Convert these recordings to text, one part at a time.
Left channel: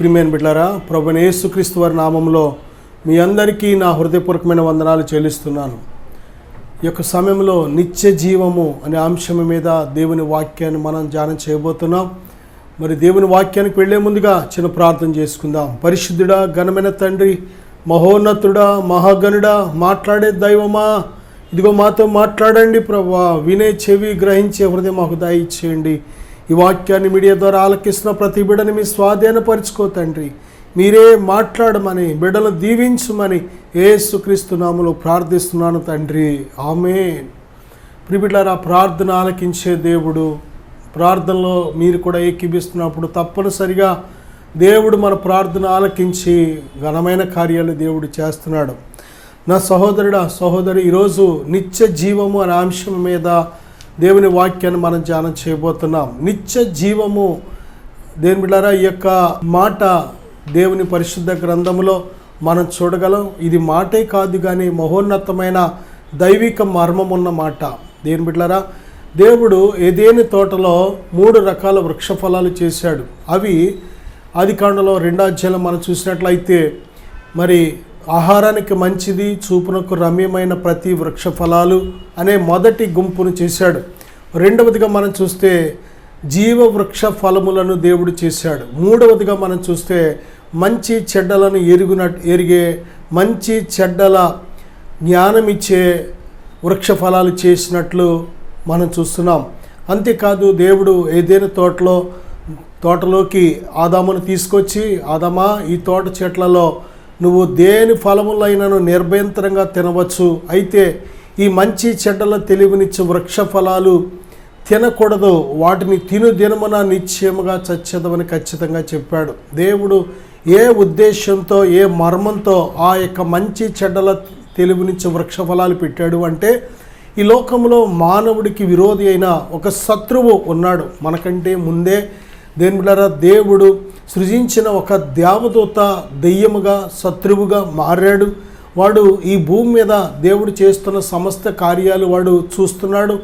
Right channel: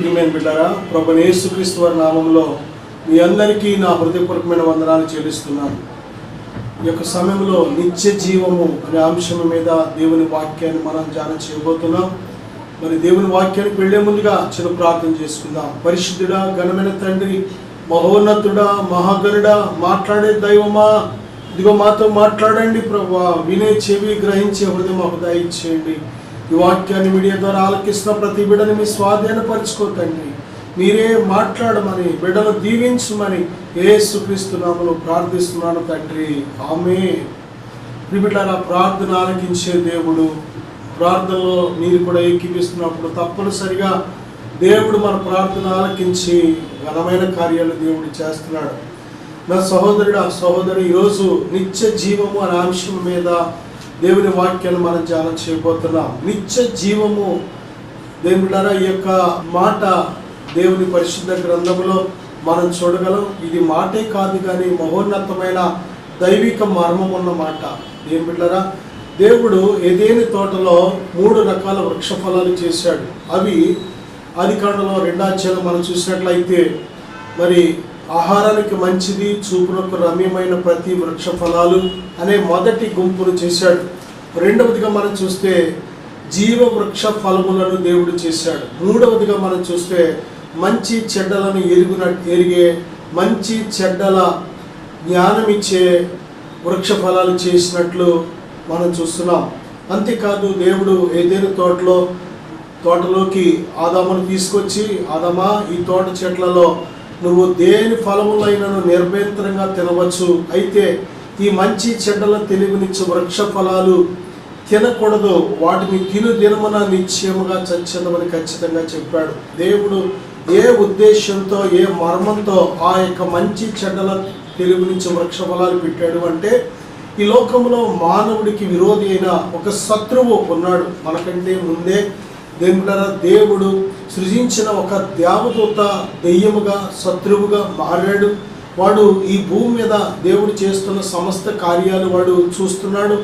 ప్రియమైన బిడ్డలారా, ప్రభువైన యేసుక్రీస్తు వారి నామములో మీ అందరికీ నా హృదయపూర్వకమైన వందనాలు చెల్లిస్తున్నాను. ఈ యొక్క సమయంలో నిత్య జీవము అనే అంశం మీద దేవుని వాక్యాన్ని మనం ధ్యానం చేయబోతున్నాం. మరి దేవుని వాక్యానికి వెళ్ళే ముందుగా చిన్న ప్రార్థన చేసుకుందాం. పరిశుద్ధుడా, ఘనమైన తండ్రి, మహోన్నతుడా, మహాగణుడా, మాట్లాడే దైవమా, ఇదిగో మాతో మాట్లాడండి ప్రభువా. వినే చెవి, గ్రహించే హృదయం మాకు దయచేయండి. ఈ వాక్యాన్ని మీడియా ద్వారా ఆలకిస్తున్న ప్రతి బిడ్డని మీ స్వాధీనపరుచుకో తండ్రి. మీరే మాట్లాడమని, బిడ్డను దీవించమని యేసుక్రీస్తు నామములో ప్రార్థిస్తున్నాను తండ్రి, ఆమేన్. ప్రియబిడ్డలారా, ప్రార్థన ఆలకించే దేవుడు. ప్రార్థనలో మీరు కూడా ఏకీభిస్తున్నప్పుడు తప్పనిసరిగా దేవుడు మన ప్రార్థన ఆలకించి ఘనమైన కార్యాలు దేవుడు చేస్తున్నాడు. నా సహోదరుడా, సహోదరి, ఈరోజు నిత్య జీవము అనే అంశం మీద దేవుని వాక్యాన్ని మనం ధ్యానం చేయబోతున్నాం. నిత్య జీవము, దేవుని బిడ్డలారా, ఈ యొక్క మాట దేవుని పరిశుద్ధ గ్రంథంలో మనం చూడగలం. ఇది మాటే కాదు కానీ మహోన్నతమైన దైవిక మర్మం ఉన్న మాట. దేవుని బిడ్డలారా, దేవుడు ఏదేని తోటలో 3 రకాల వృక్ష ఫలాలు చేశాడు. అవి ఆదికాండంలో 2వ అధ్యాయంలో మనం చూసినట్లయితే, మరి ఆహారానికి మంచిది, చూపునకు రమ్యమైన ప్రతి వృక్ష ఫలాలు అనే మొదటి గుంపును చేశాడు. రెండవదిగా మనం చూస్తే జీవ వృక్ష ఫలములను దేవుడు చేశాడు. మూడవదిగా మనం చూస్తే మంచి చెడ్డలను ఎరిగే మంచి చెడ్డల జ్ఞానం ఇచ్చే వృక్ష ఫలాలు చేసినట్లు మనం చూస్తున్నాం. అంతేకాదు, దేవుడు ఏదైనా తోటలోకి ఆదామును తీసుకొచ్చి, ఆదామా, ఈ తోట చెట్లలో నువ్వు దేని ఫలములైనను నిర్భయంతరంగా తినవచ్చు, అయితే ఈ మంచి చెడ్డల తెలివినిచ్చే వృక్ష ఫలాలు తినకూడదు, వాటిని దినమున నిశ్చయముగా చచ్చేదమని ఖచ్చితంగా చెప్పాడు. దేవుడు ఏ ఉద్దేశంతో, ఏ మర్మంతో ఆ యొక్క మంచి చెడ్డల తెలివినిచ్చే వృక్ష ఫలాలు పెట్టాడు అంటే, ఈ లోకంలో మానవుడికి విరోధి అయిన ఒక శత్రువు ఉన్నాడు. మనకంటే ముందే దేవుడు సృజించిన ఒక దేవదూత దెయ్యముగా, శత్రువుగా మారాడు. వాడు ఈ భూమి మీద దేవుడు చేస్తున్న సమస్త కార్యాలు వాడు చూస్తున్నాడు,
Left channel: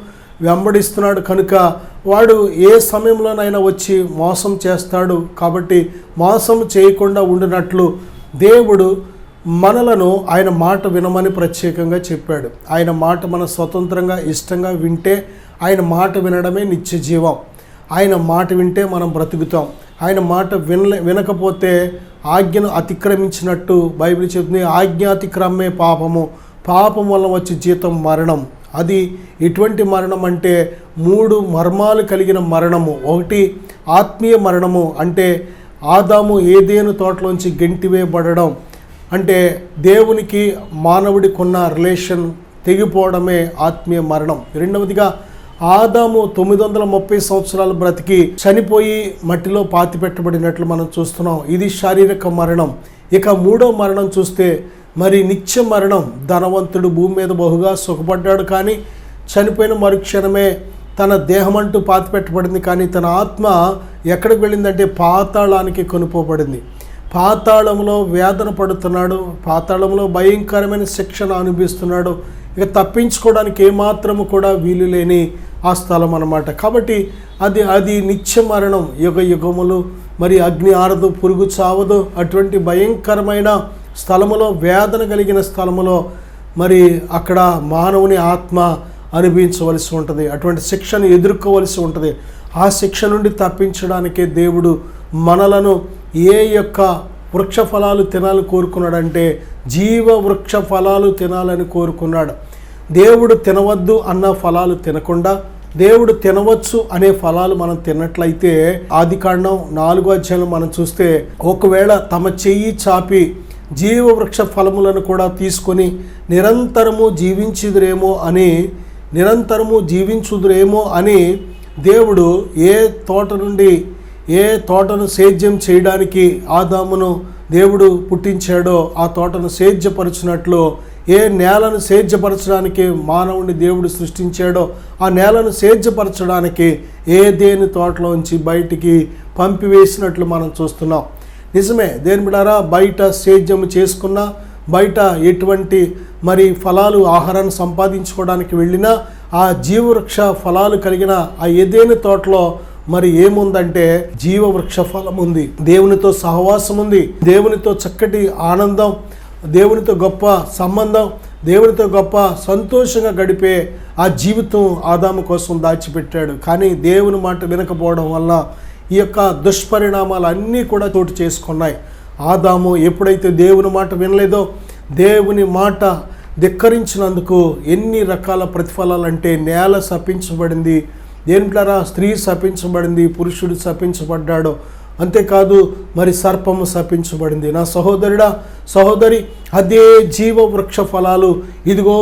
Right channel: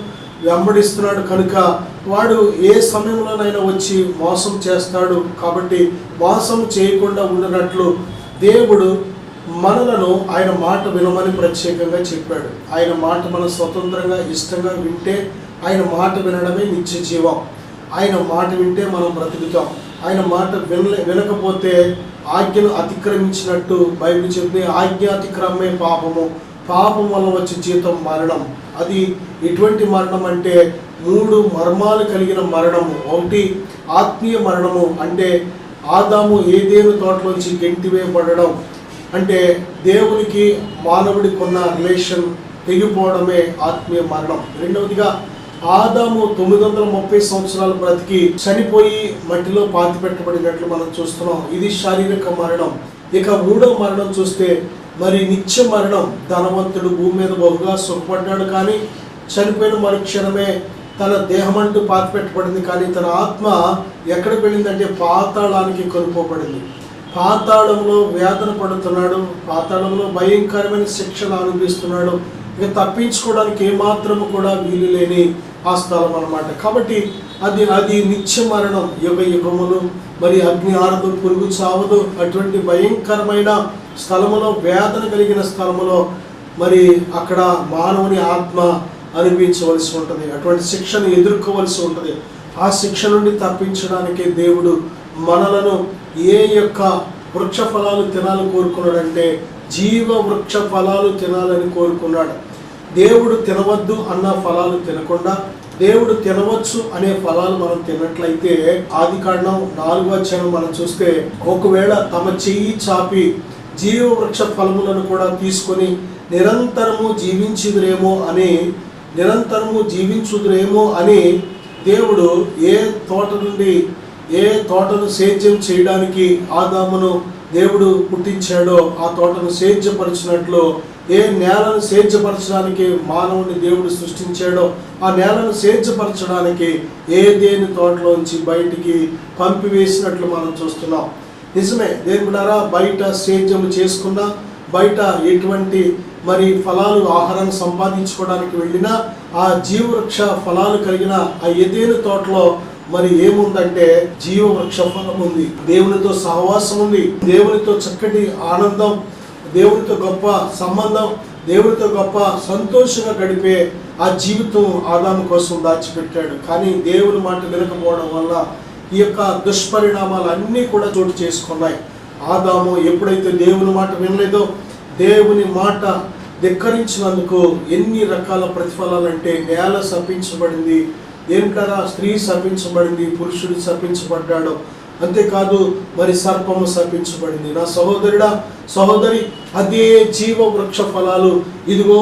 వెంబడిస్తున్నాడు. కనుక వాడు ఏ సమయంలోనైనా వచ్చి మోసం చేస్తాడు. కాబట్టి మోసం చేయకుండా ఉండినట్లు దేవుడు మనలను ఆయన మాట వినమని ప్రత్యేకంగా చెప్పాడు. ఆయన మాట మనం స్వతంత్రంగా ఇష్టంగా వింటే, ఆయన మాట వినడమే నిత్య జీవం. ఆయన మాట వింటే మనం బ్రతుకుతాం. ఆయన మాట వినకపోతే ఆజ్ఞను అతిక్రమించినట్టు బైబిల్ చెప్తుంది. ఆజ్ఞాతిక్రమే పాపము, పాపం వల్ల వచ్చే జీతం మరణం. అది ఎటువంటి మరణం అంటే 3 మర్మాలు కలిగిన మరణము. ఒకటి ఆత్మీయ మరణము, అంటే ఆదాము ఏదేను తోటలోంచి గెంటివేయబడడం, అంటే దేవునికి మానవుడికి ఉన్న రిలేషన్ తెగిపోవడమే ఆత్మీయ మరణం. రెండవదిగా ఆదాము 930 సంవత్సరాలు బ్రతికి చనిపోయి మట్టిలో పాతి పెట్టబడినట్లు మనం చూస్తున్నాం. ఇది శారీరక మరణం. ఇక 3వ మరణం చూస్తే మరి నిత్య మరణం. ధనవంతుడు భూమి మీద బహుగా సుఖపడ్డాడు, కానీ చనిపోయిన మరుక్షణమే తన దేహం అంటూ పాతి పెట్టబడింది. కానీ తన ఆత్మ ఎక్కడికి వెళ్ళిందంటే పాతాళానికి కొనుక్కోబడింది. పాతాళంలో వేదన పడుతున్నాడు, పాతాళంలో భయంకరమైన శిక్షణ అనుభవిస్తున్నాడు. ఇక తప్పించుకోవడానికి ఏమాత్రము కూడా వీలు లేని ఆ స్థలం అన్నమాట. కాబట్టి అది నిత్య మరణం. యుగ యుగములు మరి అగ్ని ఆరదు, పురుగు చావదు, అటువంటి భయంకరమైన స్థలములో, వేదన కలిగిన స్థలములో మరి అక్కడ మానవుని ఆత్మ అనుభవించవలసి ఉంటుంది. అటువంటి శిక్షను ఎదుర్కోవలసి ఉంటుంది. ఆ శిక్ష నుండి తప్పించడానికే దేవుడు మనలను ఏ యొక్క వృక్ష ఫలాలు తినాలని కోరుకున్నాడంటే జీవ వృక్ష ఫలాలు తినాలని కోరుకున్నాడు. దేవుడు తినవద్దు అన్న ఫలాలు తినకుండా దేవుడు తినవచ్చు అనే ఫలాలు మనం తిన్నట్లయితే, ఆదికాండం 4వ అధ్యాయం మనం చూస్తే, ఒకవేళ తమ చెయ్యి చాపి జీవ వృక్ష ఫలములను కూడా తీసుకొని నిరంతరము జీవించుదురేమో అని దేవుడు ఏ తోటను సేద్యం చేయడానికి ఆదామును దేవుడు పుట్టించాడో ఆ తోటను సేద్యపరచినట్లు, ఏ నేలను సేద్యపరచడానికి మానవుని దేవుడు సృష్టించాడో ఆ నేలను సేద్యపరచడానికి ఏదేని తోటలోంచి బయటికి పంపివేసినట్లు మనం చూస్తున్నాం. నిజమే, దేవుని బిడ్డలారా, బయట సేద్యం చేసుకున్నా, బయట ఎటువంటి మరి ఫలాలు ఆహారాన్ని సంపాదించుకోవడానికి వెళ్ళినా, ఆ జీవవృక్ష ఫలాలు కలిగిన ఆ ఏదేని తోటలో మరి ఏముందంటే జీవ వృక్ష ఫలం ఉంది, దేవునితో సహవాసం ఉంది, దేవునితో చక్కటి ఆనందం, దేవునితో గొప్ప సంబంధం, దేవునితో గొప్ప సంతోషంగా గడిపే ఆ జీవితం ఆదాము కోసం దాచిపెట్టాడు. కానీ దేవుని మాట వినకపోవడం వల్ల ఈ యొక్క దుష్పరిణామాలు అన్నీ కూడా చోటు చేసుకున్నాయి. ఆదాము ఎప్పుడైతే దేవుని మాట వినలేదో, దేవుని మాట ధిక్కరించినందుకు ఎన్ని రకాల ప్రతిఫలాలు అంటే నేల శపించబడింది, దేనికైనా స్త్రీ శపించబడింది, పురుషుడు శపించబడ్డాడు. అంతేకాదు మరి సర్పము శపించబడింది. నా సహోదరుడా, సహోదరి, అదే జీవ వృక్ష ఫలాలు ఇదిగో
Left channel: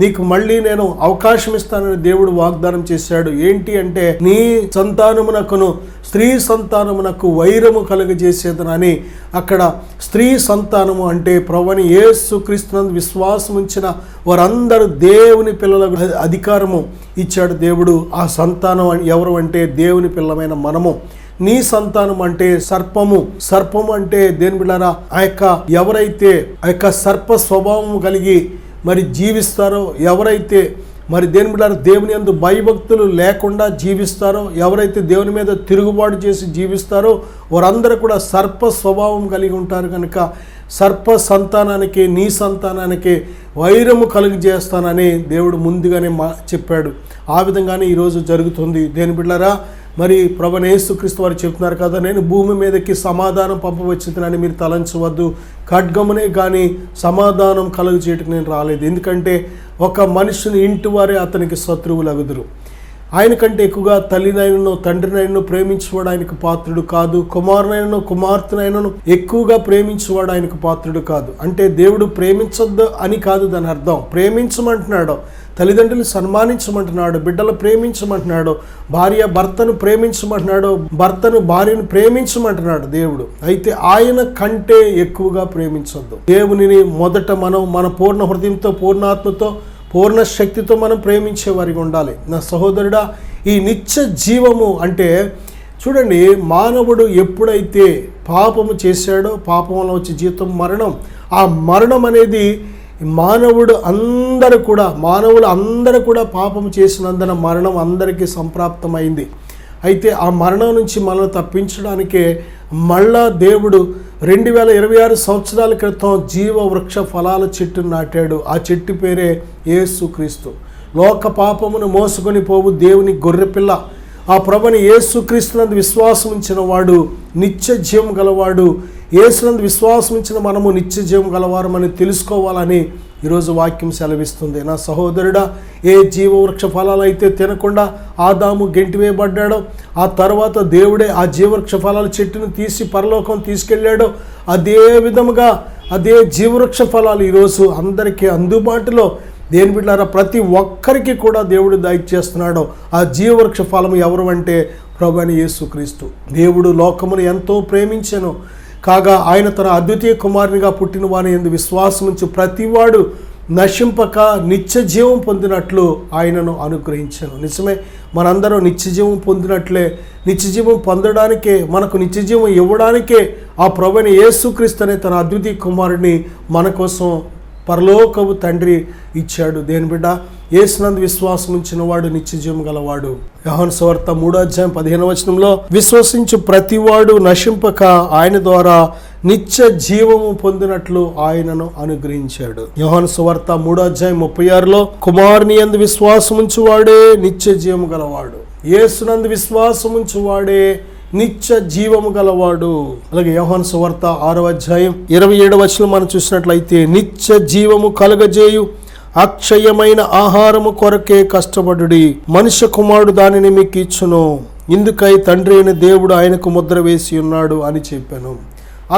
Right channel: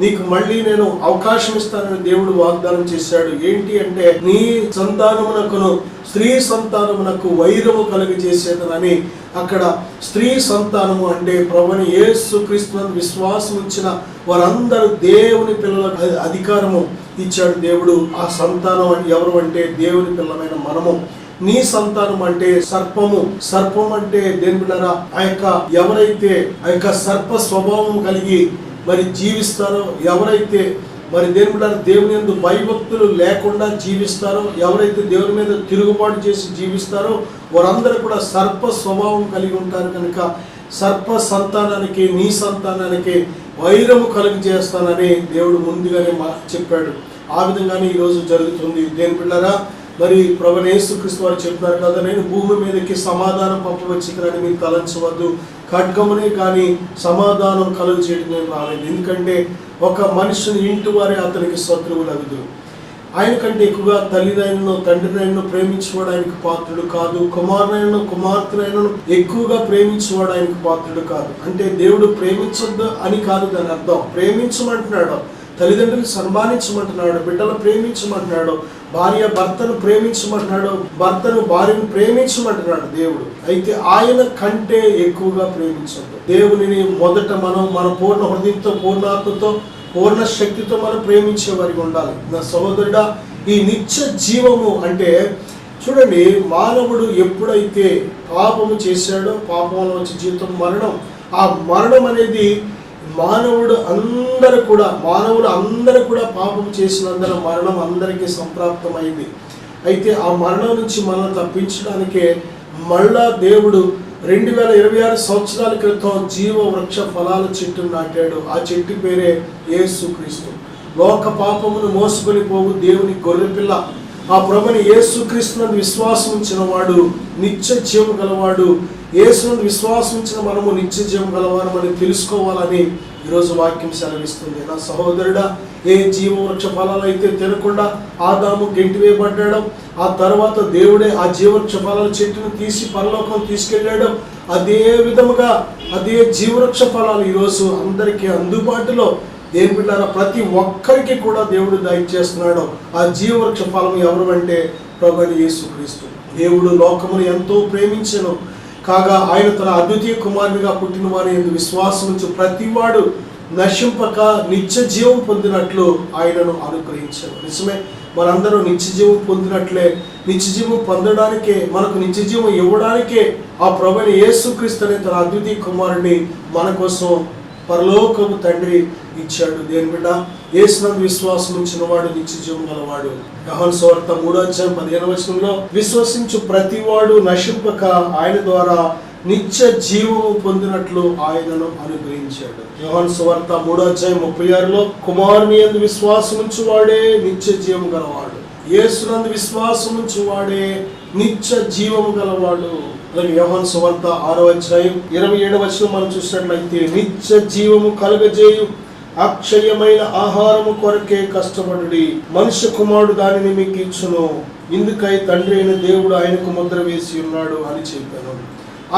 నీకు మళ్ళీ నేను అవకాశం ఇస్తానని దేవుడు వాగ్దానం చేశాడు. ఏంటి అంటే నీ సంతానమునకును స్త్రీ సంతానమునకు వైరము కలుగజేసేదనని. అక్కడ స్త్రీ సంతానము అంటే ప్రభువైన యేసుక్రీస్తునందు విశ్వాసం ఉంచిన వారందరూ దేవుని పిల్లల అధికారము ఇచ్చాడు దేవుడు. ఆ సంతానం ఎవరు అంటే దేవుని పిల్లమైన మనము. నీ సంతానం అంటే సర్పము అంటే దేని బిడ్డలారా, ఎవరైతే ఆ యొక్క సర్ప స్వభావం కలిగి మరి జీవిస్తారో, ఎవరైతే మరి దేని బిడ్డలారా దేవుని యందు భయభక్తులు లేకుండా జీవిస్తారో, ఎవరైతే దేవుని మీద తిరుగుబాటు చేసి జీవిస్తారో వారందరూ కూడా సర్ప స్వభావం కలిగి ఉంటారు. కనుక సర్ప సంతానానికి నీ సంతానానికి వైరము కలుగజేస్తానని దేవుడు ముందుగానే చెప్పాడు. ఆ విధంగానే ఈరోజు జరుగుతుంది. దేని బిడ్డలారా, మరి ప్రభువైన యేసుక్రీస్తు వారు చెప్తున్నారు కదా, నేను భూమి మీదకి సమాధానం పంపవచ్చునని మీరు తలంచవద్దు, ఖడ్గమునే కానీ సమాధానం కలుగు చేయడానికి నేను రాలేదు. ఎందుకంటే ఒక మనిషిని ఇంటి వారే అతనికి శత్రువులగుదురు. ఆయన కంటే ఎక్కువగా తల్లినైనను తండ్రినైనను ప్రేమించేవాడు ఆయనకు పాత్రుడు కాదు, కుమారునైనను కుమార్తెనైనను ఎక్కువగా ప్రేమించేవాడు ఆయనకు పాత్రుడు కాదు. అంటే దేవుడు ప్రేమించొద్దు అని కాదు దాని అర్థం. ప్రేమించమంటున్నాడు, తల్లిదండ్రులు సన్మానించమంటున్నాడు, బిడ్డలు ప్రేమించమంటున్నాడు, భార్య భర్తను ప్రేమించమంటున్నాడు, భర్తను భార్యను ప్రేమించమంటున్నాడు దేవుడు. అయితే ఆయన కంటే ఎక్కువగా ప్రేమించొద్దు. దేవునిని మొదట మనం మన పూర్ణ హృదయంతో, పూర్ణాత్మతో, పూర్ణ శక్తితో మనం ప్రేమించే వారికి ఉండాలి. నా సహోదరుడా, ఈ నిత్య జీవము అంటే చూడండి, మానవుడు ఎప్పుడైతే పాపము చేశాడో, పాపంలో వచ్చే జీవితం మరణం. ఆ మరణం అనేది మానవులు అందరూ కూడా పాపం చేసినందున మరణం అందరికీ సంప్రాప్తమైంది. అయితే ఆ మరణం నుంచి మనల్ని తప్పించడానికే మళ్ళా దేవుడు 2026 సంవత్సరాల క్రితం జీవ వృక్ష ఫలాల చెట్టును నాటాడు. ఆ చెట్టు పేరే యేసుక్రీస్తు. లోక పాపమును మోసుకొని పోవు దేవుని గొర్రెపిల్ల. ఆ ప్రభుని యేసుక్రీస్తునందు విశ్వాసం ఉంచిన వాడు నిత్య జీవం గలవాడు. యేసునందు విశ్వాసం ఉంచిన మనము నిత్య జీవం గలవారమని తెలుసుకోవాలని ఈరోజు వాక్యం సెలవిస్తుంది. నా సహోదరుడా, ఏ జీవ వృక్ష ఫలాలు అయితే తినకుండా ఆదాము గెంటివేయబడ్డాడో, ఆ తర్వాత దేవుడే ఆ జీవవృక్ష ఫలాల చెట్టును తీసి పరలోకం తీసుకెళ్ళాడో, అదే విధముగా అదే జీవవృక్ష ఫలాలు ఈరోజు అందరికీ అందుబాటులో దేని బిడ్డారా ప్రతి ఒక్కరికి కూడా దేవుడు దయచేస్తున్నాడు. ఆ జీవవృక్ష ఫలం ఎవరు అంటే ప్రభువైన యేసుక్రీస్తు. దేవుడు లోకమును ఎంతో ప్రేమించెను కాగా ఆయన తన అద్వితీయ కుమారునిగా పుట్టిన వాని యందు విశ్వాసం ఉంచి ప్రతివాడు నశింపక నిత్య జీవం పొందినట్లు ఆయనను అనుగ్రహించాను. నిజమే, మనందరం నిత్య జీవం పొందినట్లే. నిత్య జీవం పొందడానికే, మనకు నిత్య జీవం ఇవ్వడానికే ఆ ప్రభువైన యేసుక్రీస్తు అనే తన అద్వితీయ కుమారుని మన కోసం పరలోకము తండ్రి ఇచ్చాడు. దేని బిడ్డ, యేసునందు విశ్వాసం ఉంచిన వాడు నిత్య జీవం గలవాడు. యోహాను సువార్త 3:15 విశ్వసించు ప్రతివాడు నశింపక ఆయన ద్వారా నిత్య జీవము పొందినట్లు ఆయనను అనుగ్రహించాడు. యోహాను సువార్త 3:36 కుమారుని యందు విశ్వాసం ఉంచువాడే నిత్య జీవము గలవాడు. యేసునందు విశ్వాసం ఉంచువాడే నిత్య జీవము గలవాడు. అలాగే యోహాను సువార్త 6:27 మనం చూసినట్లయితే నిత్య జీవము కలుగజేయు అక్షయమైన ఆహారము కొరకే కష్టపడుడి, మనుష్య కుమారుడు దానిని మీకు ఇచ్చును, ఇందుకై తండ్రి అయిన దేవుడు ఆయనకు ముద్ర వేసి ఉన్నాడు అని చెప్పాను.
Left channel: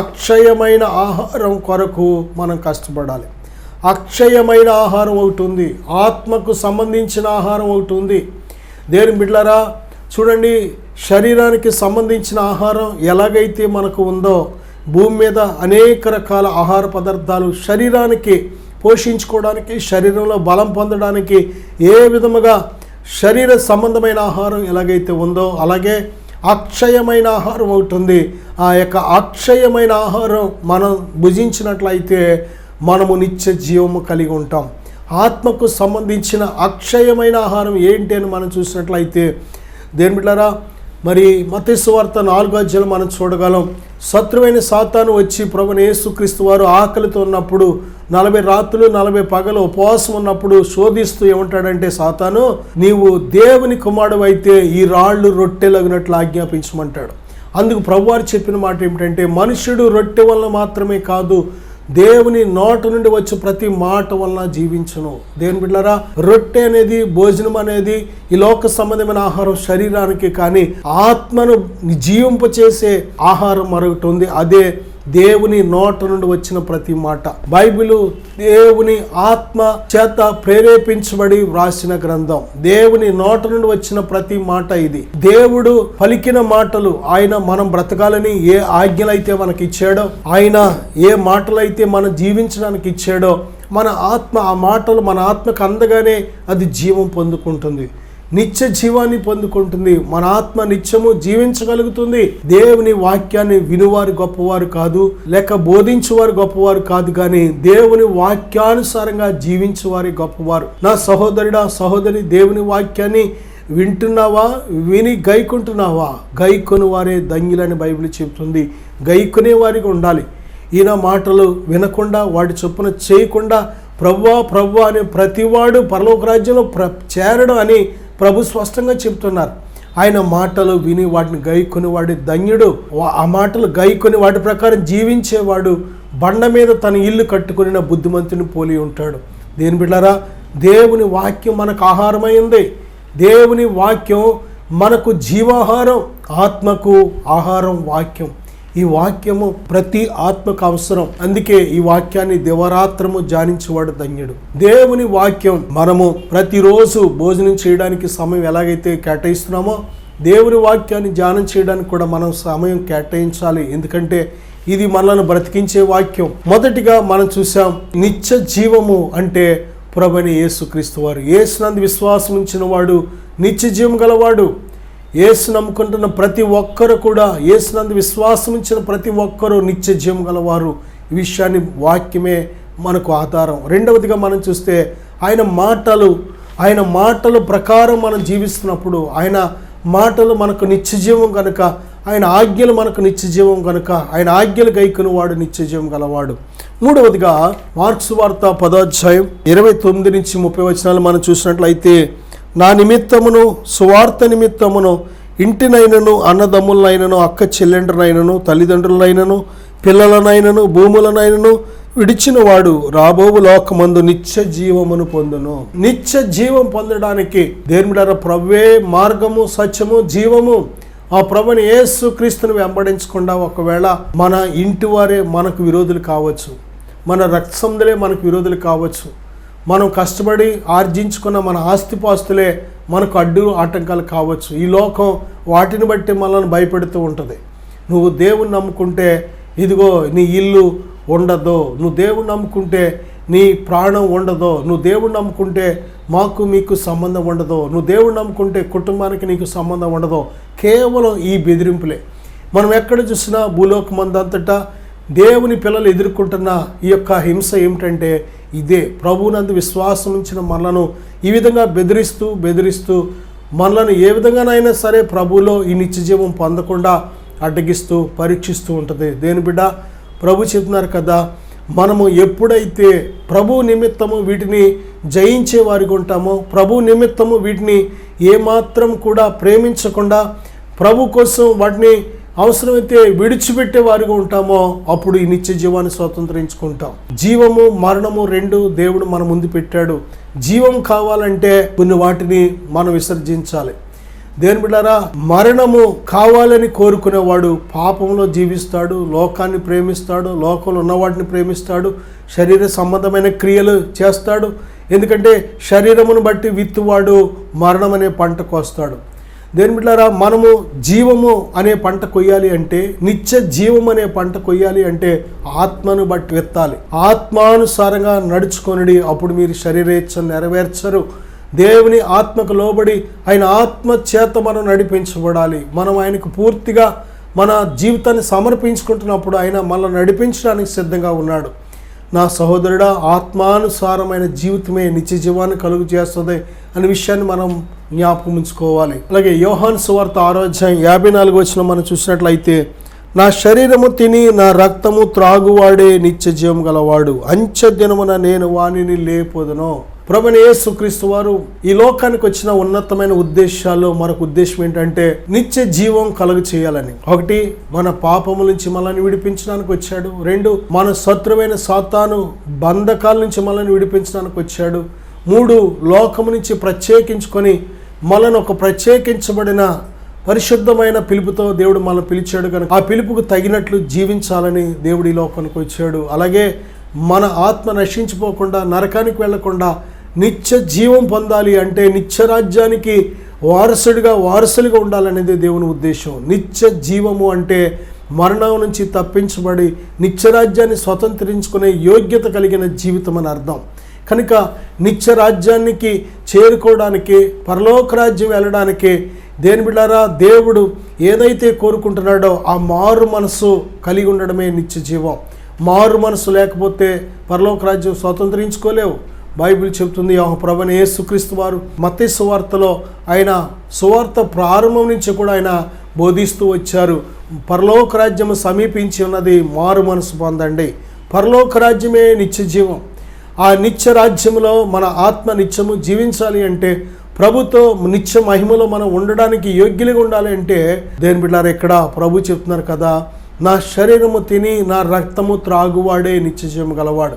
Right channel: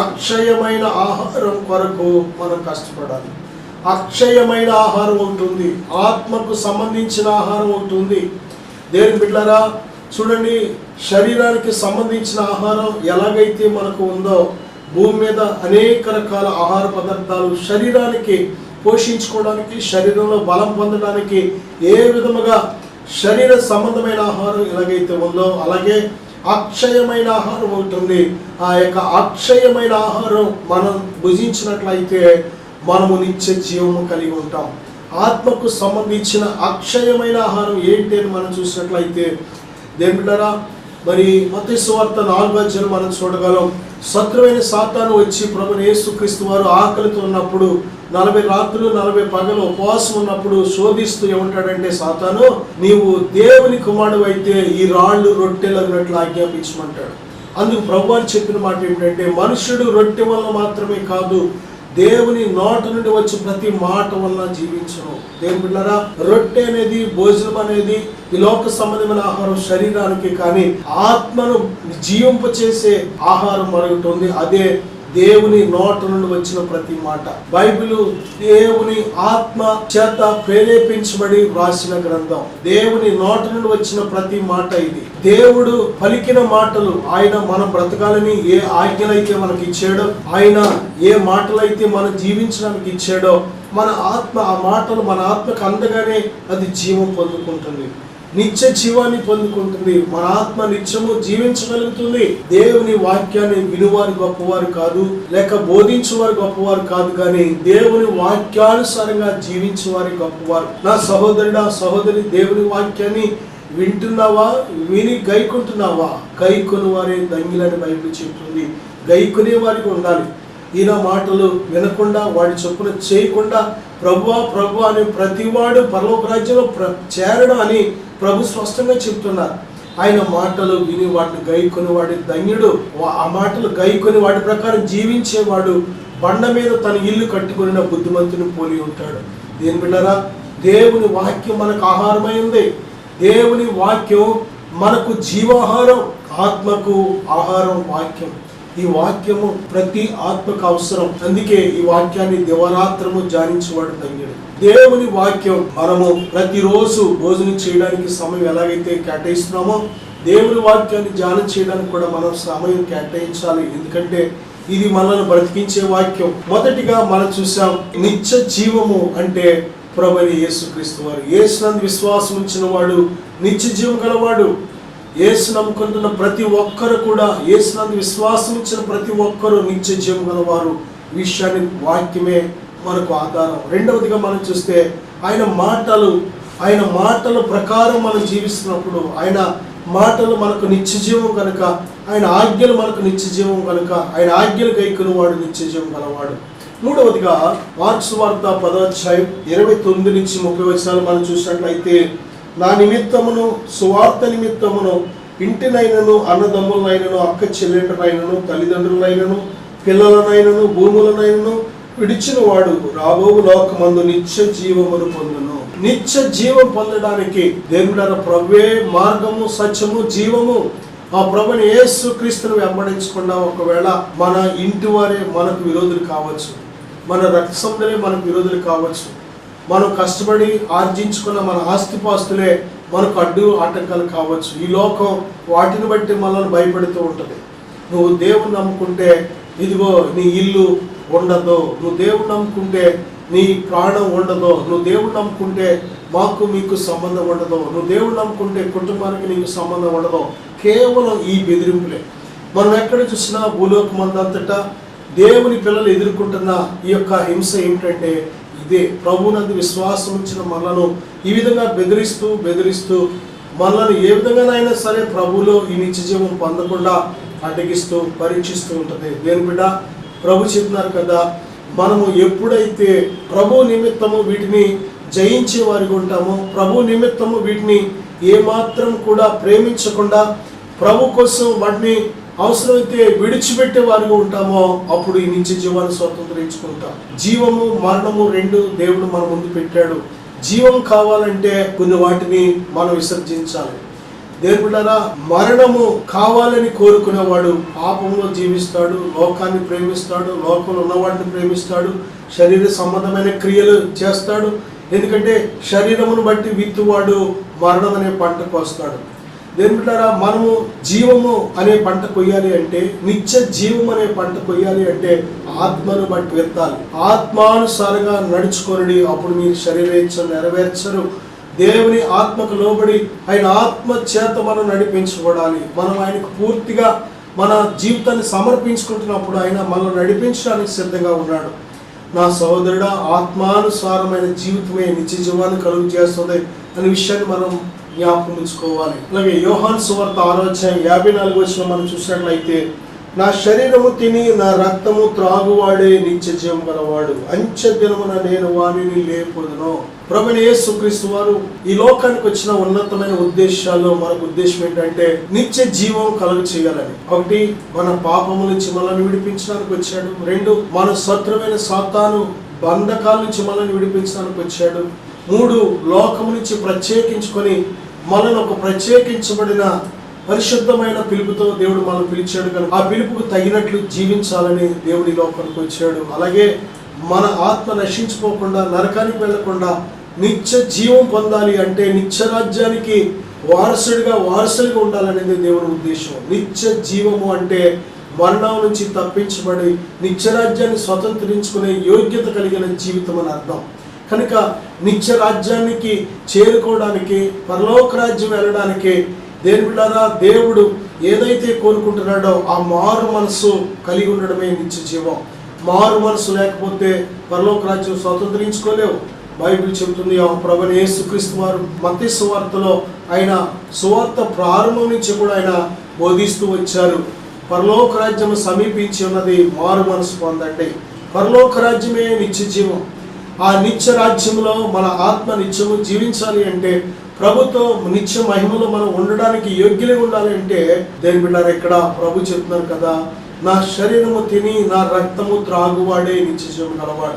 అక్షయమైన ఆహారం కొరకు మనం కష్టపడాలి. అక్షయమైన ఆహారం ఉంటుంది, ఆత్మకు సంబంధించిన ఆహారం ఉంటుంది. దేవుని బిడ్డలారా చూడండి, శరీరానికి సంబంధించిన ఆహారం ఎలాగైతే మనకు ఉందో, భూమి మీద అనేక రకాల ఆహార పదార్థాలు శరీరానికి పోషించుకోవడానికి, శరీరంలో బలం పొందడానికి ఏ విధముగా శరీర సంబంధమైన ఆహారం ఎలాగైతే ఉందో అలాగే అక్షయమైన ఆహారం ఉంటుంది. ఆ యొక్క అక్షయమైన ఆహారం మనం భుజించినట్లయితే మనము నిత్య జీవము కలిగి ఉంటాం. ఆత్మకు సంబంధించిన అక్షయమైన ఆహారం ఏంటి అని మనం చూసినట్లయితే దేని బిడ్డలారా మరి మత్తయి సువార్త 4వ అధ్యాయం మనం చూడగలం. శత్రువైన సాతాను వచ్చి ప్రభువైన యేసుక్రీస్తు వారు ఆకలితో ఉన్నప్పుడు 40 రాత్రులు 40 పగలు ఉపవాసం ఉన్నప్పుడు శోధిస్తూ ఏమంటాడంటే, సాతాను, నీవు దేవుని కుమారుడు అయితే ఈ రాళ్ళు రొట్టెలగినట్లు ఆజ్ఞాపించమంటాడు. అందుకు ప్రభువారు చెప్పిన మాట ఏమిటంటే, మనుషుడు రొట్టె వల్ల మాత్రమే కాదు, దేవుని నోటి నుండి వచ్చే ప్రతి మాట వలన జీవించును. దేవుని బిడ్డలారా, రొట్టె అనేది, భోజనం అనేది ఈ లోక సంబంధమైన ఆహారం శరీరానికి, కానీ ఆత్మను జీవింపచేసే ఆహారం మరొకటి ఉంది. అదే దేవుని నోట నుండి వచ్చిన ప్రతి మాట. బైబిల్ దేవుని ఆత్మ చేత ప్రేరేపించబడి వ్రాసిన గ్రంథం. దేవుని నోట నుండి వచ్చిన ప్రతి మాట ఇది. దేవుడు పలికిన మాటలు, ఆయన మనం బ్రతకాలని ఏ ఆజ్ఞలైతే మనకి ఇచ్చాడో, ఆయన ఏ మాటలైతే మనం జీవించడానికి ఇచ్చాడో, మన ఆత్మ ఆ మాటలు మన ఆత్మకు అందగానే అది జీవం పొందుకుంటుంది, నిత్య జీవాన్ని పొందుకుంటుంది. మన ఆత్మ నిత్యము జీవించగలుగుతుంది. దేవుని వాక్యాన్ని వినువారు గొప్పవారు కాదు, లేక బోధించువారు గొప్పవారు కాదు, కానీ దేవుని వాక్యానుసారంగా జీవించేవారు గొప్పవారు. నా సహోదరుడా, సహోదరి, దేవుని వాక్యాన్ని వింటున్నావా? విని గైకుంటున్నావా? గైకొని వారే ధన్యులని బైబిల్ చెప్తుంది. గైకొనే వారికి ఉండాలి. ఈయన మాటలు వినకుండా, వాడి చొప్పున చేయకుండా ప్రభువా ప్రభువా అనే ప్రతివాడు పరలోక రాజ్యంలో చేరడం అని ప్రభు స్పష్టంగా చెప్తున్నారు. ఆయన మాటలు విని వాటిని గైకొని వాడి ధన్యుడు. ఆ మాటలు గైకొని వాటి ప్రకారం జీవించేవాడు బండ మీద తన ఇల్లు కట్టుకుని బుద్ధిమంతుని పోలి ఉంటాడు. దేని బిడ్డరా, దేవుని వాక్యం మనకు ఆహారమైంది. దేవుని వాక్యం మనకు జీవాహారం, ఆత్మకు ఆహారం వాక్యం. ఈ వాక్యము ప్రతి ఆత్మకు అవసరం. అందుకే ఈ వాక్యాన్ని దివారాత్రము ధ్యానించేవాడు ధన్యుడు. దేవుని వాక్యం మనము ప్రతిరోజు భోజనం చేయడానికి సమయం ఎలాగైతే కేటాయిస్తున్నామో, దేవుని వాక్యాన్ని ధ్యానం చేయడానికి కూడా మనం సమయం కేటాయించాలి. ఎందుకంటే ఇది మనల్ని బ్రతికించే వాక్యం. మొదటిగా మనం చూసాం, నిత్య జీవము అంటే ప్రభువైన యేసుక్రీస్తు వారు. యేసునందు విశ్వాసం ఉంచిన వాడు నిత్య జీవం గలవాడు. యేసు నమ్ముకుంటున్న ప్రతి ఒక్కరు కూడా, యేసునందు విశ్వాసం ఇచ్చిన ప్రతి ఒక్కరూ నిత్య జీవం గలవారు. ఈ విషయాన్ని వాక్యమే మనకు ఆధారం. రెండవదిగా మనం చూస్తే, ఆయన మాటలు ప్రకారం మనం జీవిస్తున్నప్పుడు, ఆయన మాటలు మనకు నిత్య జీవం కనుక, ఆయన ఆజ్ఞలు మనకు నిత్య జీవం కనుక, ఆయన ఆజ్ఞలు గైకొను వాడు నిత్య జీవం గలవాడు. మూడవదిగా మార్కు సువార్త 10వ అధ్యాయం 29 నుంచి 30 వచనాలు మనం చూసినట్లయితే, నా నిమిత్తమును సువార్త నిమిత్తమును ఇంటినైనను, అన్నదమ్ములనైనను, అక్క చెల్లెండ్రనైనను, తల్లిదండ్రులనైనను, పిల్లలనైనను, భూములనైనను విడిచిన వాడు రాబోవు లోకమందు నిత్య జీవమును పొందును. నిత్య జీవం పొందడానికి దేవుడైన ప్రభువే మార్గము, సత్యము, జీవము. ఆ ప్రభుని యేసు క్రీస్తును వెంబడించకుండా ఒకవేళ మన ఇంటి వారే మనకు విరోధులు కావచ్చు, మన రక్త సంబంధులే మనకు విరోధులు కావచ్చు, మనం కష్టపడి ఆర్జించుకున్న మన ఆస్తిపాస్తులే మనకు ఆటంకాలు కావచ్చు. ఈ లోకం వాటిని బట్టి మనల్ని భయపెడుతూ ఉంటుంది. నువ్వు దేవుని నమ్ముకుంటే ఇదిగో నీ ఇల్లు ఉండదు, నువ్వు దేవుని నమ్ముకుంటే నీ ప్రాణం ఉండదు, నువ్వు దేవుని నమ్ముకుంటే మాకు మీకు సంబంధం ఉండదు, నువ్వు దేవుని నమ్ముకుంటే కుటుంబానికి నీకు సంబంధం ఉండదు. కేవలం ఈ బెదిరింపులే. మనం ఎక్కడ చూసినా భూలోకమందంతటా దేవుని పిల్లలు ఎదుర్కొంటున్న ఈ యొక్క హింస ఏమిటంటే ఇదే. ప్రభువునందు విశ్వాసం ఉంచిన మనలను ఈ విధంగా బెదిరిస్తూ మనలను ఏ విధంగానైనా సరే ప్రభువులో ఈ నిత్య జీవం పొందకుండా అడ్డగిస్తూ పరీక్షిస్తూ ఉంటుంది. దేని బిడ్డ, ప్రభు చెప్తున్నారు కదా, మనము ఎప్పుడైతే ప్రభు నిమిత్తము వీటిని జయించే వారికి ఉంటామో, ప్రభు నిమిత్తము వీటిని ఏమాత్రం కూడా ప్రేమించకుండా ప్రభు కోసం వాటిని అవసరమైతే విడిచిపెట్టే వారిగా ఉంటామో, అప్పుడు ఈ నిత్య జీవాన్ని స్వతంత్రించుకుంటాం. జీవము, మరణము రెండు దేవుడు మన ముందు పెట్టాడు. జీవం కావాలంటే కొన్ని వాటిని మనం విసర్జించాలి. దేవుని బిడ్డలారా, మరణము కావాలని కోరుకునేవాడు పాపంలో జీవిస్తాడు, లోకాన్ని ప్రేమిస్తాడు, లోకంలో ఉన్న వాటిని ప్రేమిస్తాడు, శరీర సంబంధమైన క్రియలు చేస్తాడు. ఎందుకంటే శరీరమును బట్టి విత్తువాడు మరణం అనే పంట కోస్తాడు. దేవుని బిడ్డలారా, మనము జీవము అనే పంట కొయ్యాలి అంటే, నిత్య జీవం అనే పంట కొయ్యాలి అంటే ఆత్మను బట్టి విత్తాలి. ఆత్మానుసారంగా నడుచుకొనిడి, అప్పుడు మీరు శరీరేచ్ఛను నెరవేర్చరు. దేవుని ఆత్మకు లోబడి ఆయన ఆత్మ చేత మనం నడిపించబడాలి. మనం ఆయనకు పూర్తిగా మన జీవితాన్ని సమర్పించుకుంటున్నప్పుడు ఆయన మనల్ని నడిపించడానికి సిద్ధంగా ఉన్నాడు. నా సహోదరుడా, ఆత్మానుసారమైన జీవితమే నిత్య జీవాన్ని కలుగు చేస్తుంది అనే విషయాన్ని మనం జ్ఞాపకం ఉంచుకోవాలి. అలాగే యోహాను సువార్త 6:54 మనం చూసినట్లయితే, నా శరీరము తిని నా రక్తము త్రాగువాడే నిత్య జీవం గలవాడు, అంచె దినమున నేను వానిని లేపొదును. ప్రభువైన యేసుక్రీస్తు వారు ఈ లోకానికి వచ్చిన ఉన్నతమైన ఉద్దేశాల్లో మరొక ఉద్దేశం ఏంటంటే నిత్య జీవం కలుగు చేయాలని. ఒకటి, మన పాపము నుంచి మనల్ని విడిపించడానికి వచ్చాడు. రెండు, మన శత్రువైన సాతాను బంధకాల నుంచి మనల్ని విడిపించడానికి వచ్చాడు. మూడు, లోకము నుంచి ప్రత్యేకించుకొని మనల్ని ఒక ప్రత్యేకించబడిన పరిశుద్ధమైన పిలుపుతో దేవుడు మనల్ని పిలిచాడు కనుక ఆ పిలుపుకు తగినట్లు జీవించాలని దేవుడి లోకానికి వచ్చాడు. అలాగే మన ఆత్మ నశించిపోకుండా నరకానికి వెళ్లకుండా నిత్య జీవం పొందాలి అంటే నిత్య రాజ్యానికి వారసులుగా ఉండాలనేది దేవుని ఉద్దేశం. నిత్య జీవము అంటే మరణం నుంచి తప్పించబడి నిత్య రాజ్యాన్ని స్వతంత్రించుకునే యోగ్యత కలిగిన జీవితం అని అర్థం. కనుక నిత్య రాజ్యానికి చేరుకోవడానికి, పరలోక రాజ్యం వెళ్ళడానికి దేని బిడ్డారా, దేవుడు ఏదైతే కోరుకుంటున్నాడో ఆ మారు మనసు కలిగి ఉండడమే నిత్య జీవం. మారు మనసు లేకపోతే పరలోక రాజ్యం స్వతంత్రించుకోలేవు. బైబిల్ చెబుతుంది, ప్రభువైన యేసుక్రీస్తు వారు మత్తయి సువార్తలో ఆయన సువార్త ప్రారంభం నుంచి కూడా ఆయన బోధిస్తూ వచ్చారు. పరలోక రాజ్యము సమీపించి ఉన్నది, మారు మనసు పొందండి. పరలోక రాజ్యమే నిత్య జీవం. ఆ నిత్య రాజ్యంలో మన ఆత్మ నిత్యము జీవించాలి అంటే, ప్రభుతో నిత్య మహిమలో మనం ఉండడానికి యోగ్యులుగా ఉండాలి అంటే దేని బిడ్డారు, ఇక్కడ ప్రభు చెప్తున్నారు కదా, నా శరీరము తిని నా రక్తము త్రాగువాడే నిత్య జీవం గలవాడు.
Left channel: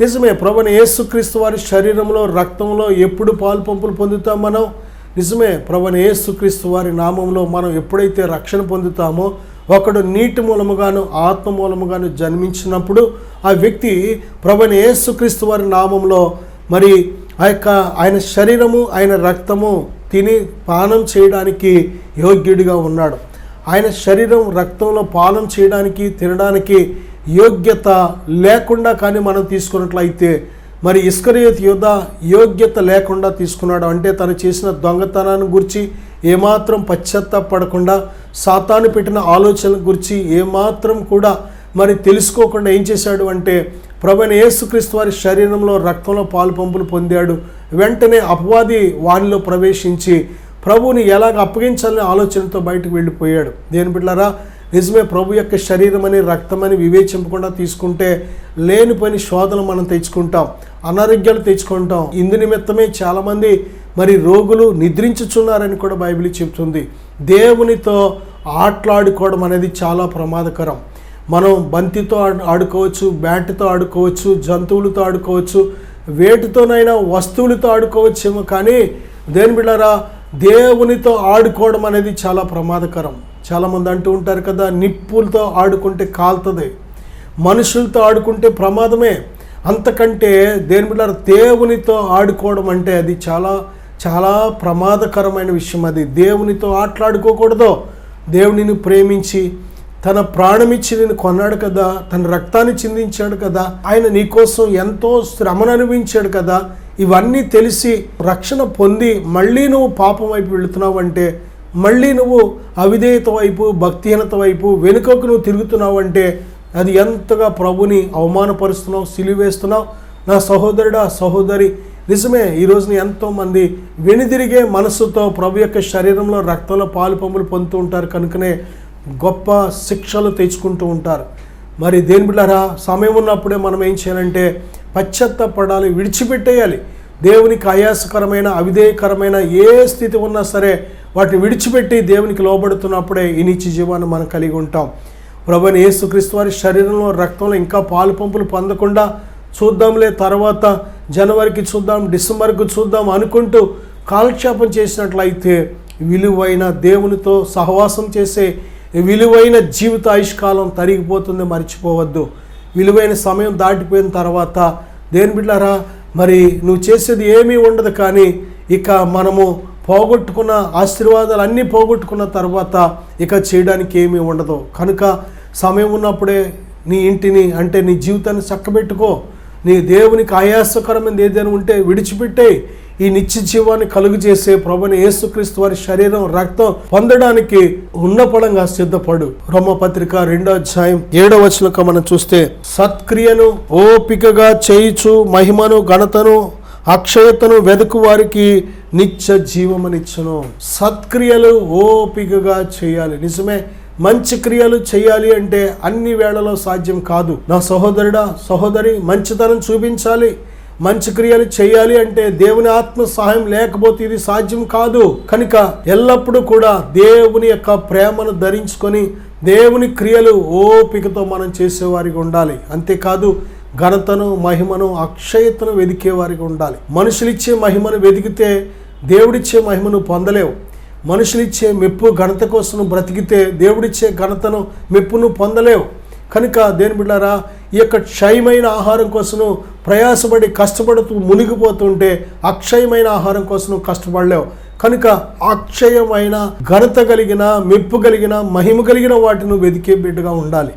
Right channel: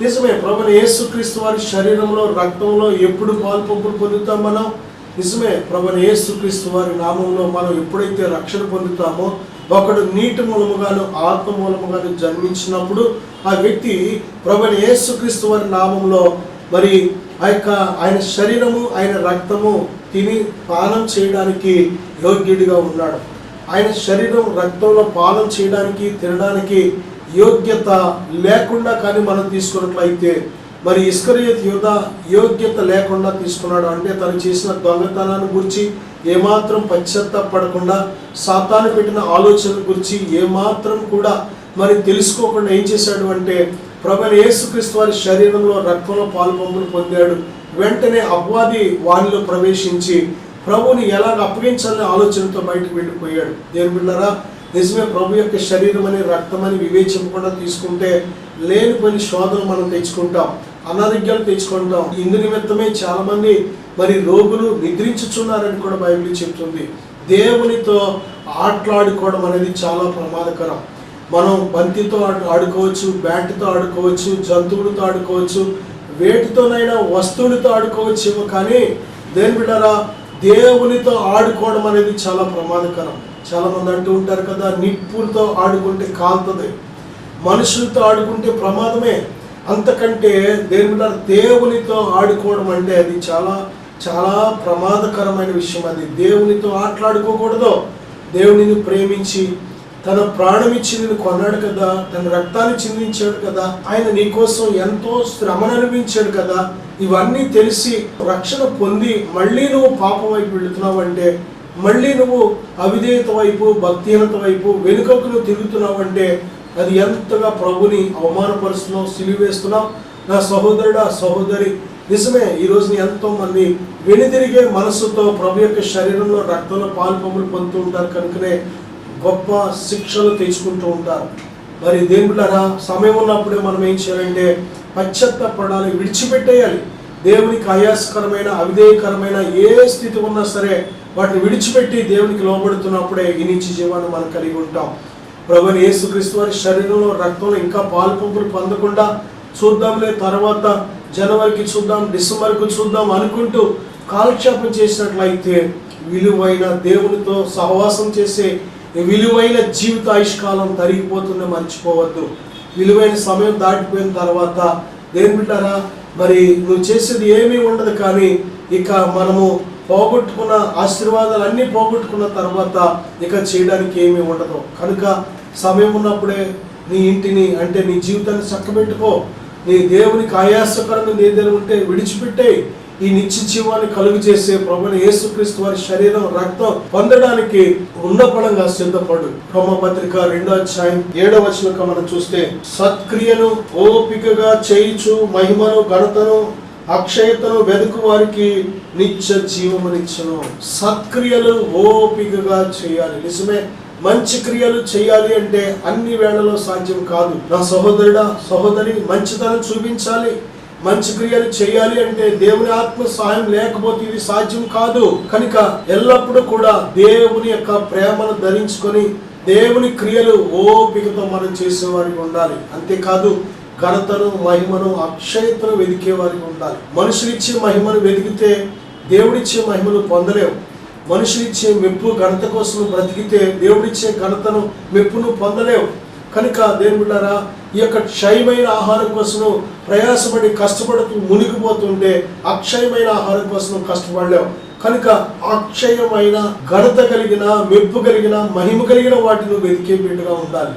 నిజమే, ప్రభువైన యేసుక్రీస్తు వారి శరీరంలో రక్తంలో ఎప్పుడు పాలు పంపులు పొందుతాం మనం? నిజమే, ప్రభువైన యేసుక్రీస్తు వారి నామంలో మనం ఎప్పుడైతే రక్షణ పొందుతామో, ఒకడు నీటి మూలముగాను ఆత్మ మూలముగాను జన్మించినప్పుడు ఆ వ్యక్తి ప్రభువైన యేసుక్రీస్తు వారి నామంలో మరి ఆయన శరీరము ఆయన రక్తము తిని పానం చేయడానికి యోగ్యుడిగా ఉన్నాడు. ఆయన శరీరం రక్తంలో పానం చేయడానికి తినడానికి యోగ్యత లేకుండా కానీ మనం తీసుకున్నట్లయితే, మరి ఇస్కరియోతు యూదా యోగ్యత లేకుండా తీసుకున్నాడు. అంటే తను చేసిన దొంగతనాన్ని గురించి ఏమాత్రం పశ్చాత్తాపడకుండా, సాతాను పెట్టిన ఆలోచన గురించి ఏమాత్రం కూడా మరి తెలుసుకోకుండా ఏం చేశాడు అంటే, ప్రభువైన యేసుక్రీస్తు వారి శరీరంలో రక్తంలో పాలు పంపులు పొందాడు. వెంటనే అపవాది వారిలో ప్రవేశించి ప్రభువుని ఎలాగ అప్పగించాలనే ఆలోచనతో బయటకు వెళ్ళిపోయాడు. దేని బిడ్డలారా, నిజమే, ప్రభు యొక్క శరీరం అని రక్తం అని వివేచింపకుండా తీసుకుంటే లేని పని శోధన మనం తెచ్చుకుంటాం, అనారోగ్యాలు తెచ్చుకుంటాం. ఇందు నిమిత్తమే చాలామంది మరి రోగులు నిద్రించుచున్నారని కూడా బైబిల్ చెప్తుంది. దేవునితో ఆటలాడుకోవడం అనేది చాలా ప్రమాదకరం. మనం బంతితో ఆడుకోవచ్చు, బ్యాట్తో ఆడుకోవచ్చు, జంతువులతో ఆడుకోవచ్చు, వేటితోనైనా వస్తువులతో ఆడుకోవచ్చేమో, కానీ దేని బిడ్డారా, దేవునితో ఆడుకోవడం అనేది చాలా ప్రమాదకరం. చాలామంది అంటూ ఉంటారు కదా, నిప్పులతో ఆడుకుంటే కాలుతుంది, మనుషులతో ఆడుకుంటే ప్రమాదమే. అంతకంటే దేని బిడ్డారా, దేవునితో ఆడుకోవడం అంటే అది చాలా చాలా ప్రమాదకరమైన విషయం. అది దేవునితో ఆటలాడుకోకూడదు. దేవునిని ప్రేమించి తన ప్రాణమిచ్చి నేను కొన్నాడు కదా, తన రక్తాన్ని చిందించాడు కదా, ఆయన నీకోసం ఎంతో శ్రమను అనుభవించాడు కదా, ఇవన్నీ తెలిసి రక్షణ పొంది మళ్ళీ నువ్వు పాపం వైపు వెళుతున్నావు అంటే, మళ్ళీ నువ్వు అవిధేయత వైపు, భక్తిహీనత వైపు వెనుకకు నువ్వు తిరుగుతున్నావు అంటే అది ఎంతగా ప్రభుని అవమానపరుస్తున్నావు, సిలివేస్తున్నావు. నా సహోదరుడా, సహోదరి, నిజమే, ఈరోజు ఎంతోమంది వెనుదిరిగే మనసుతో ప్రభు యొక్క శరీరంలో రక్తంలో పాలు పంపులు పొందుతూ ఉంటారు. కనుకనే గొప్ప శిక్షలు తెచ్చుకుంటూ ఉంటారు. మరి దేని బిడ్డలారా, సమయం ఉన్నప్పుడే మనం ఏం చేయాలంటే పశ్చాత్తాపడాలి, విడిచిపెట్టేయాలి. దేవునికి ఆయాసకరమైన, అవిధేయకరమైన ఏ స్థితి ఉన్నా సరే వాటిని విడిచిపెట్టి దేవునికి లోబడుతున్నప్పుడే ఈ నిత్య జీవాన్ని మనం కలిగి ఉంటాం. ప్రభువైన యేసుక్రీస్తు వారి శరీరంలో రక్తంలో ఇంకా పాలు పంపులు పొందకుండా చూద్దాంలే, తర్వాత జనవరికి చూద్దాం, డిసెంబర్కు చూద్దాం అనుకుంటూ కాలక్షేపం చేసినట్లయితే విలువైన దేవునితో సహవాసం చేసే విలువైన జీవిత ఆయుష్కాలం తరిగిపోతుంది. మర్చిపోవద్దు. విలువైన సమయం దాటిపోయిన తర్వాత దేని బిడ్డలారా, మరి నువ్వు చేసేది ఏమీ ఉండదు. కానీ ఇక మనము పోగొట్టుకున్న ఆశీర్వాదాలు అన్నీ పోగొట్టుకున్న తర్వాత ఇక చేయడానికి ఏమీ ఉండదు. కనుక సమయం ఉన్నప్పుడే నీ ఇంటిని అంటే నీ జీవితాన్ని చక్కబెట్టుకో. నీ దేవునికి ఆయాసకరమైన ఏదైనా ఉంటే విడిచిపెట్టే ఈ నిత్య జీవాన్ని కలుగు చేసే ప్రభువైన యేసుక్రీస్తు వారి శరీరం రక్తం పొందడానికి ఉన్నపడంగా సిద్ధపడు. రోమపత్రిక 2:7 మనం చూస్తే, సత్క్రియలు ఓపికగా చేయుచు మహిమను ఘనతను అక్షయతను వెదుకు వారికి నిత్య జీవమునిచ్చును. సత్క్రియలు ఓపికగా చేయాలి. నిజమే, మంచి క్రియలు చేయాలి అంటే అన్ని వేళలో సాధ్యం కాదు. నా సహోదరుడా, సహోదరి, మంచితనం చూపించాలి, మంచి క్రియలు చేయాలి అంటే దేవుని ఆత్మ సహాయం లేకపోతే ఇది సాధ్యం కాదు. కనుక ఎల్లప్పుడూ కూడా దేవుని యొక్క ప్రేమను ధరించుకొని దేవుని క్రియలు ఓపికతో మనం చేసేవారికి ఉండాలి. అంతేకాదు ఘనతను, మహిమను, అక్షయతను వెదికేవారికి ఉండాలి. మనుషులిచ్చే మహిమను వెతికితే దేవుడిచ్చే మహిమను పొందలేవు. మనుషులిచ్చే మెప్పు, ఘనత కోసం బ్రతికితే దేవుడిచ్చే ఘనతను, మెప్పును పొందలేవు. కనుక దేవుని బిడ్డలారా, ఈ యొక్క క్షయమైన ఆహారం కోసం ప్రయాసపడి కష్టపడుతూ మునిగిపోతుంటే అక్షయమైన ఆహారం కోసం కష్టపడలేవు. కనుక అక్షయమైన, ఘనత కలిగిన, మెప్పు కలిగిన, మహిమ కలిగిన వాటిని వెతికే బిడ్డగా ఉండాలి.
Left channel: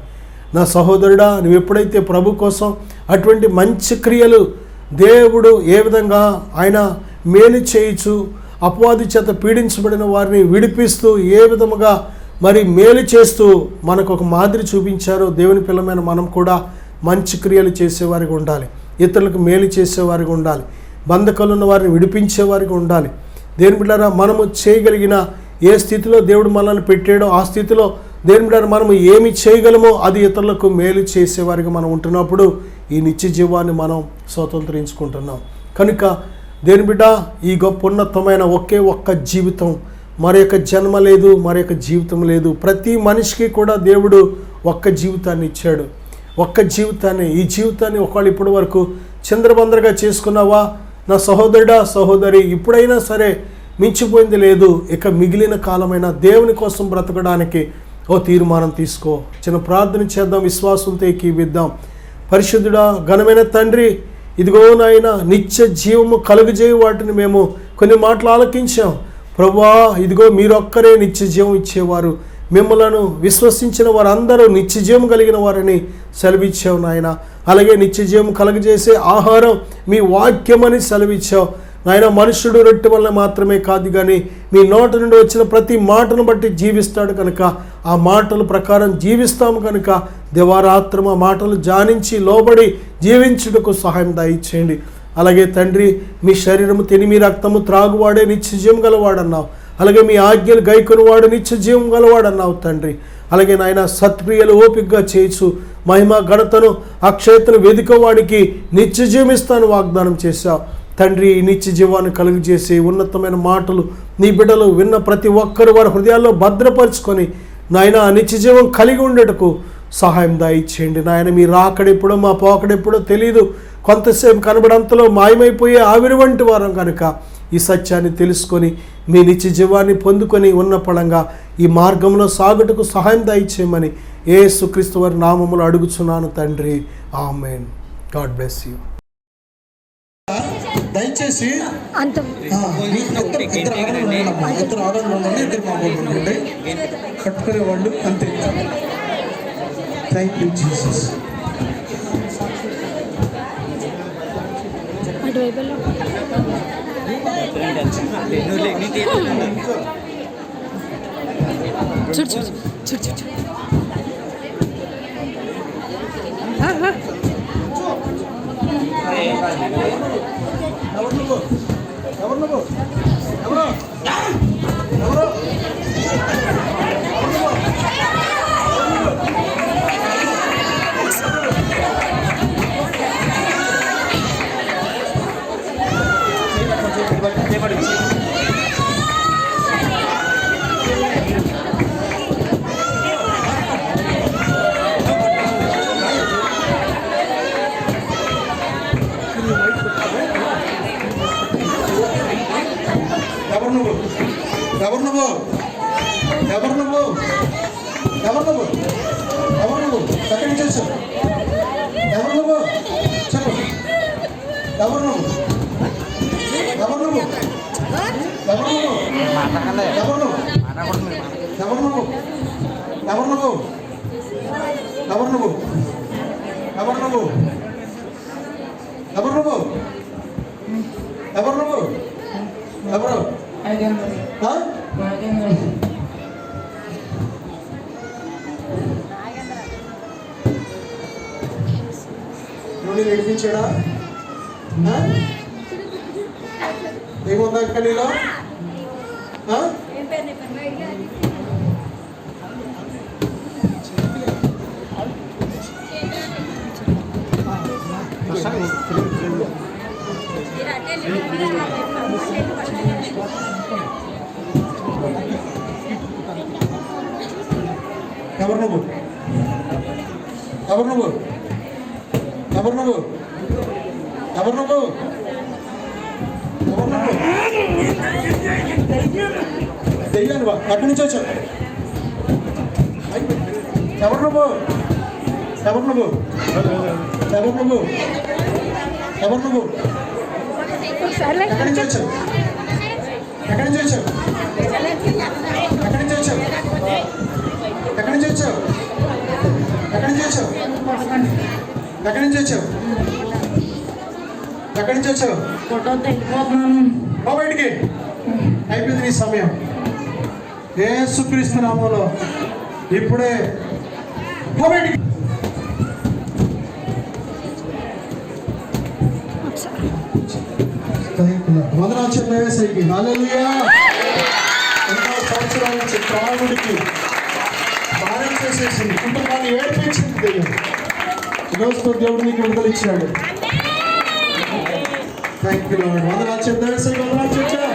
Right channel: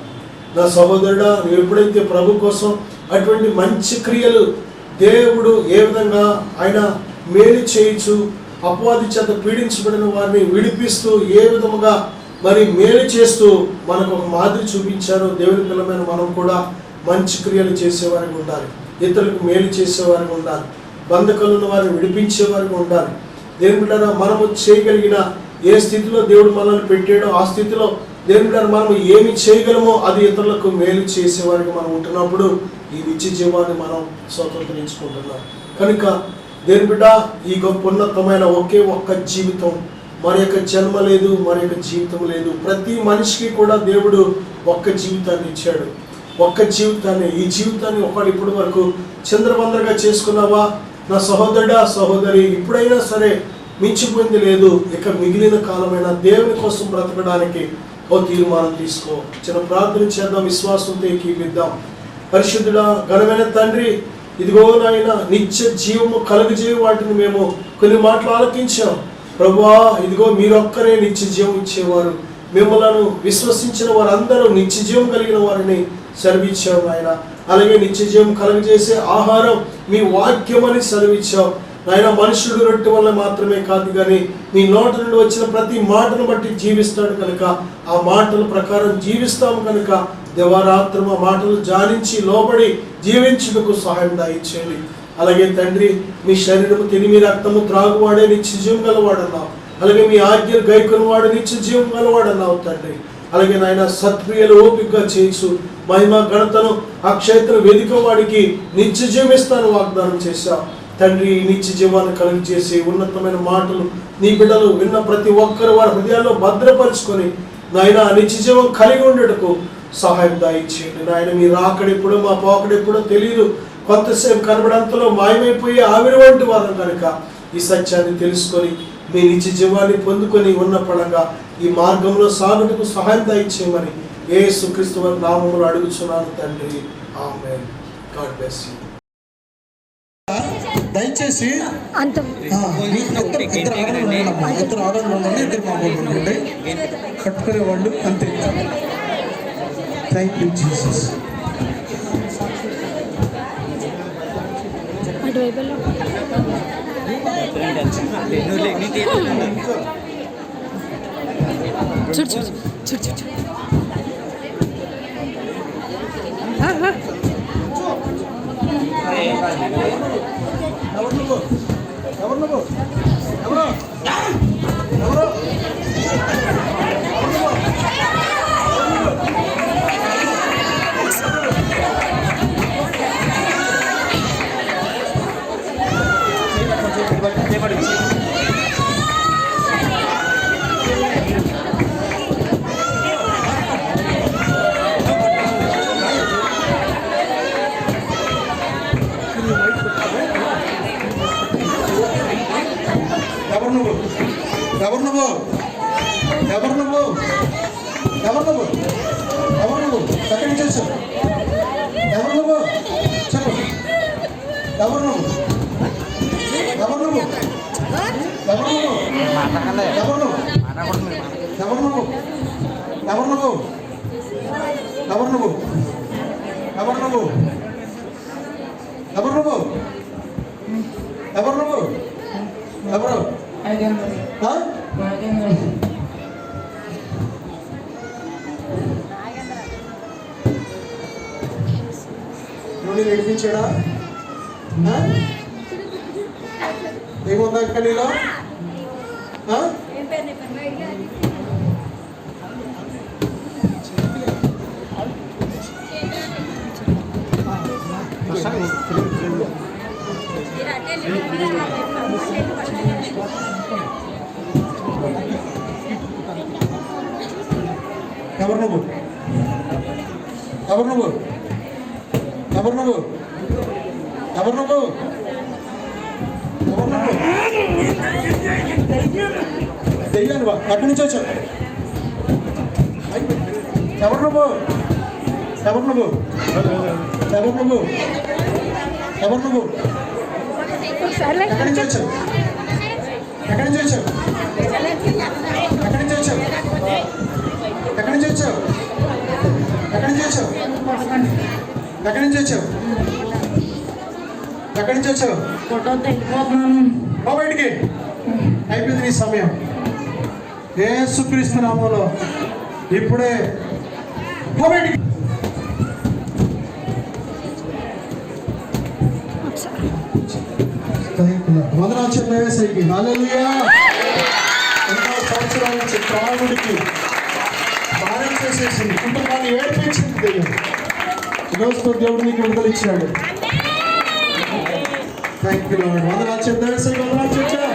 నా సహోదరుడా, నువ్వు ఎప్పుడైతే ప్రభు కోసం అటువంటి మంచి క్రియలు, దేవుడు ఏ విధంగా ఆయన మేలు చేయొచ్చు, అపవాది చేత పీడించబడిన వారిని విడిపిస్తూ ఏ విధముగా మరి మేలు చేస్తూ మనకు ఒక మాదిరి చూపించారో, దేవుని పిల్లమైన మనం కూడా మంచి క్రియలు చేసేవారికి ఉండాలి. ఇతరులకు మేలు చేసేవారికి ఉండాలి. బంధకాలు ఉన్న వారిని విడిపించేవారికి ఉండాలి. దేవుని బిడ్డలారా, మనము చేయగలిగిన ఏ స్థితిలో దేవుడు మనల్ని పెట్టాడో ఆ స్థితిలో దేవుని బిడ్డలారా మనము ఏమి చేయగలమో అది ఇతరులకు మేలు చేసేవారికి మనం ఉంటున్నప్పుడు ఈ నిత్య జీవాన్ని మనం స్వతంత్రించుకుంటున్నాం. కనుక దేవుని బిడ్డ, ఈ గొప్ప ఉన్నతమైన ఒకే ఒక్క జీవితం, మరి యొక్క జన్మ లేదు, మరి యొక్క జీవితం లేదు. ప్రతి మనిషికి కూడా దేవుడు ఒక్క జీవితాన్ని ఇచ్చాడు. ఒక్క జీవితాన్ని, ఈ జీవితాన్ని ఒకవేళ ఇప్పటి వరకు చంద్రబందరగా చేసుకున్నావా నా సహోదరుడా, సహోదరి, ఇప్పుడైనా సరే మించిపోయింది లేదు. ఇక మిగిలిన కాలమైన దేవుని కోసం బ్రతకడానికి ఓ తీర్మానం తీసుకో. చిన్న ప్రార్థన చేద్దాం, విశ్వాసంతో ఏకీవిద్దాం. పరిశుద్ధుడా, ఘనమైన తండ్రి, ఇదిగో నాయన, నిత్య జీవము కలుగజేయ వాటిని మేము కొన్ని మాటలు ఆలకించాం. ప్రభువా, ఇదిగో మీరొక్కరే నిత్య జీవం ఇచ్చేవారు. మిమ్మలను విశ్వసించిన వారందరూ నిత్య జీవం కలిగిన వారిని సెలవిచ్చావు నాయన. అలాగే నిత్య జీవం కలుగజేసే ఆహారం మీ వాక్యమని సెలవిచ్చావు నాయన. మనుషుడు రొట్టె వల్ల మాత్రమే కాదు కానీ మీ నోట నుండి వచ్చిన ప్రతి మాటను బట్టి జీవిస్తాడు కనుక ఆ మాటల ప్రకారం జీవిస్తాము. కనుక దివారాత్రం ఆ మాటలు ధ్యానించి లోబడి జీవించుటకు సహాయం దయచేయండి. అలాగే తండ్రి, మీ శరీరము తిని మీ రక్తము త్రాగువాడే నిత్య జీవం గలవాడన్నావు. అలాగే మీ ఆజ్ఞలు గైకొని వాడు నిత్య జీవం గలవాడన్నావు తండ్రి. అలాగే నాయన, సత్క్రియలు ఓపికగా చేయొచ్చు, మహిమ, ఘనతను, అక్షయతను వెదికవాడికి నిత్య జీవం ఇస్తాను వాగ్దానం చేశావు తండ్రి. ఈ నిత్య జీవాన్ని కలుగు చేసి ఉన్నతమైన మాటలు నీ బిడ్డలు విన్న ప్రతి ఒక్కరు వారి హృదయాల్లో భద్రపరుచుకొని నాయన ఆ నిత్య జీవం కలిగి ఉండేటకు సహాయం దయచేయండి నాయన. మీ రాకడెప్పుడో మా పోకడెప్పుడో తెలీదు. కొంతసేపు కనబడంతలో మాయమైపోయే ఆవిరి వంటి వారం కనుక ఈ సత్యాన్ని తెలుసుకొని మీ నిత్య జీవాన్ని పొందుకొని ఉన్నపడంగా ఈ మార్గంలో సాగుటకు సహాయం దయచేయమని యేసుక్రీస్తు వారి నామములో అడుగుచున్నాను తండ్రి. ఆమేన్. God bless you. దయచేసి ఇద్దరు ఆడవాళ్ళు ఉండండి, ఇద్దరు మామూలు ఉండండి, కట్టుకునే వాళ్ళు అంతే. Thank you Jesus. చూడు చూడు చూడు చూడు చూడు. ఎవరు నువ్వు? ఎవరు నువ్వు? ఎవరు నువ్వు? ఎవరు నువ్వు? ఎక్కడి నుంచి వచ్చావు? ఎవరు నువ్వు? చెప్పు. ఎవరు నువ్వు? ఎవరు నువ్వు? ఎవరు నువ్వు? ఎవరు నువ్వు? ఎవరు నువ్వు? ఎవరు నువ్వు? ఎవరు నువ్వు? ఎవరు నువ్వు? ఎవరు నువ్వు? ఎవరు నువ్వు? ఎవరు? నువ్వు నేర్పించాడా? ఏముందా ఇంకా నీలో? ఎవరు నువ్వు? ఎవరు నువ్వు? ఎవరు నువ్వు? ఎవరు నువ్వు? ఎవరు నువ్వు? తెలియను బా, అక్కడి నుంచి వచ్చావు. ఎవరు నువ్వు? ఎవరు నువ్వు? ఎవరు నువ్వు? ఎవరు నువ్వు? ఎక్కడి నుంచి వచ్చావు? ఎక్కడి నుంచి వచ్చావు? ఎక్కడి నుంచి వచ్చావు? ఎక్కడి నుంచి వచ్చావు? ఎక్కడి నుంచి వచ్చావు? ఎక్కడి నుంచి వచ్చావు? ఎక్కడి నుంచి వచ్చావు? బయటికి అయిపోయింది నీ సమయం. యేసుక్రీస్తు నామములో ఇప్పుడే బయటికి. వందనాలు చెప్పేసరికి హల్లెలూయా. ఎన్నో సంవత్సరాల నుంచి త్రాగుడికి భారం చేసేసింది, కుటుంబాన్ని ఏడిపించింది దెయ్యం. ఈరోజుతో దేవుడు నీకు విడుదల ఇచ్చాడు. Thank you lord. వందనాలు చెప్పేసరికి వందనాలు చెప్పా.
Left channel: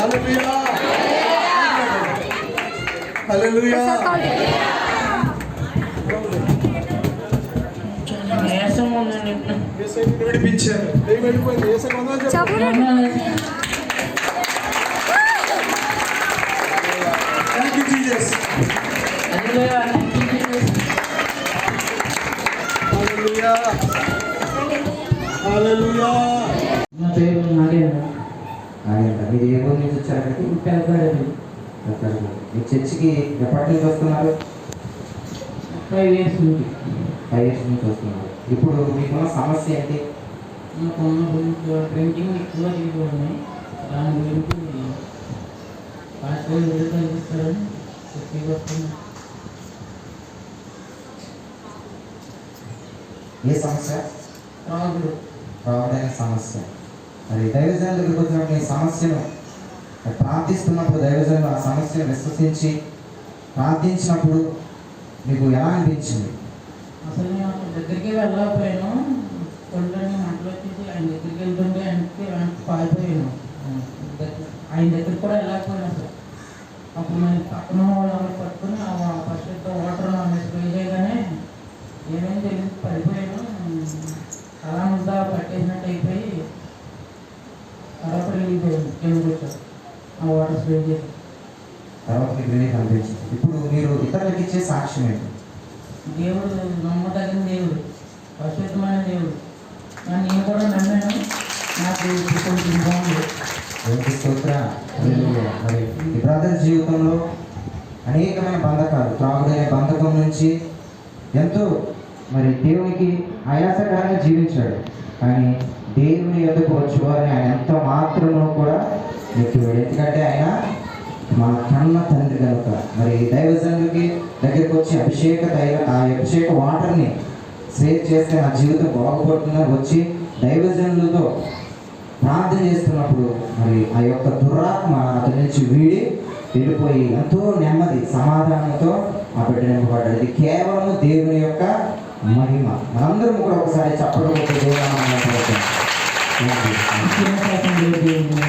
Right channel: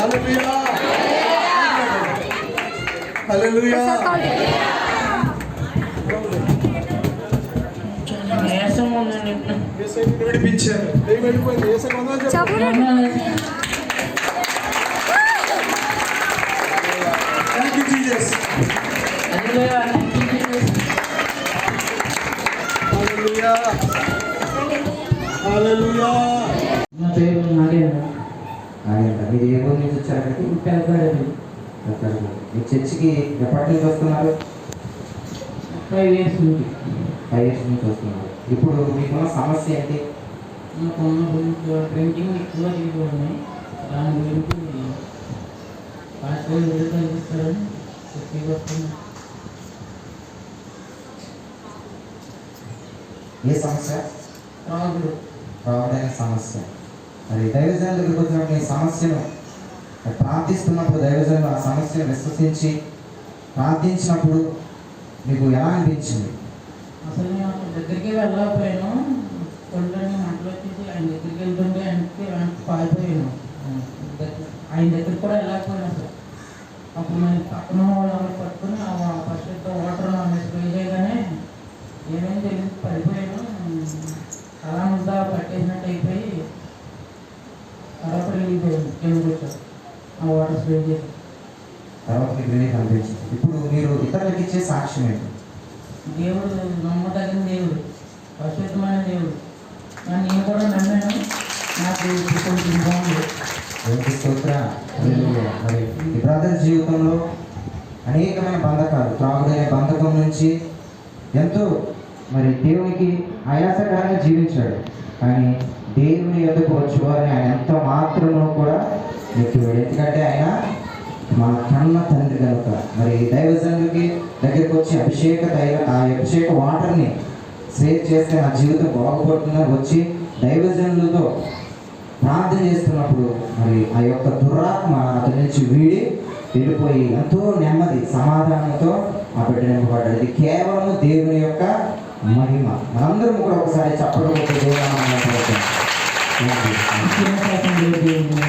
హల్లెలూయా హల్లెలూయా. విడిపించారు. దెయ్యం వెళ్ళిపోయింది. యేసుకి వందనాలు చెప్పు. Thank you Jesus. Hallelujah hallelujah. నా పేరు నాగేంద్ర. మీరు ఏ ఊరు నుంచి వచ్చారండి? మీ చర్చికి ఎప్పటి నుంచి వస్తున్నారు? 5 years నుండి. 5 years నుంచి వస్తున్నారు. ఇప్పుడు మీకున్న సమస్య ఏంటి? ప్రింటింగ్ ఎక్కువ తీసుకోండి, దాని గురించి పాస్పోర్ట్ కనిపిస్తారని చెప్పి వస్తున్నాను. ఏ సమస్య? రాగులు రావడైన సమస్య. మరి దైవజనుల దగ్గరికి వచ్చినప్పుడు ఈ సమస్యను ప్రార్థిస్తున్నప్పుడు దైవజనులు ఆ సమస్యను విశ్వసించి ప్రార్థించినప్పుడు మీకు ఎలా అనిపించింది? అసలు నేను దగ్గరికి వెళ్ళకపోయాను. కొండని మంటలు వచ్చేసి ఆయన దగ్గరికి వెళ్తుంటే ఆయనకి పారిపోయాను. ఆయన దగ్గరికి కూడా వెళ్ళకపోయాను అసలు. అప్పుడు నేను పక్కన వాళ్ళని పట్టుకుని ఫస్ట్ వాటర్ స్ప్రే చేయగానే ఏమేమి తెలియదు, పడిపోయాను. అలా అంతా పట్టేసినట్టు అయిపోయి తర్వాత రిలీజ్ అయ్యాను. కింద ఆ వాటర్ స్ప్రే చేసి తర్వాత మీకు రిలీఫ్ అనిపించింది. ఇప్పుడు మీరు ఇతరులకు ఇచ్చే సాక్ష్యం ఏంటి? దేవుడు నమ్మదగిన దేవుడు, పరిశుద్ధమైన దేవుడు. నేను కూడా నమ్మాను. నాకు కొంచెం బాగుంది. మరి ఈ బ్రదర్ జీవితంలో అనేకమైన బంధకాలు, త్రాగుడనే బంధకం నుంచి ఎంతో మరి దేవునికి ఆయాసకరంగా జీవించాడు. కానీ దేవుని యొద్దకు వచ్చేవారిని ఆయన ఎంత మాత్రమో కూడా నెక్కివాడు. ఎందుకంటే ఆయన మన కన్న తండ్రి కనుక. మరి దైవజనుడికి దగ్గరికి వచ్చి ఆ అభిషేక వాటర్ని సేవ్ చేస్తే నా జీవితం బాగుపడుతుందని వచ్చి దైవజనులతో ప్రార్థన చేస్తున్నప్పుడు మరి ఆ యొక్క దురాత్మ అతని నుంచి వీడి వెళ్ళిపోయి ఎంతో నెమ్మది సమాధానంతో ఆ బిడ్డ నింపబడ్డాడు. ఇది కేవలం దేవుని యొక్క మహిమ. మనందరం కూడా ఒకసారి చెప్పడం దేవుడు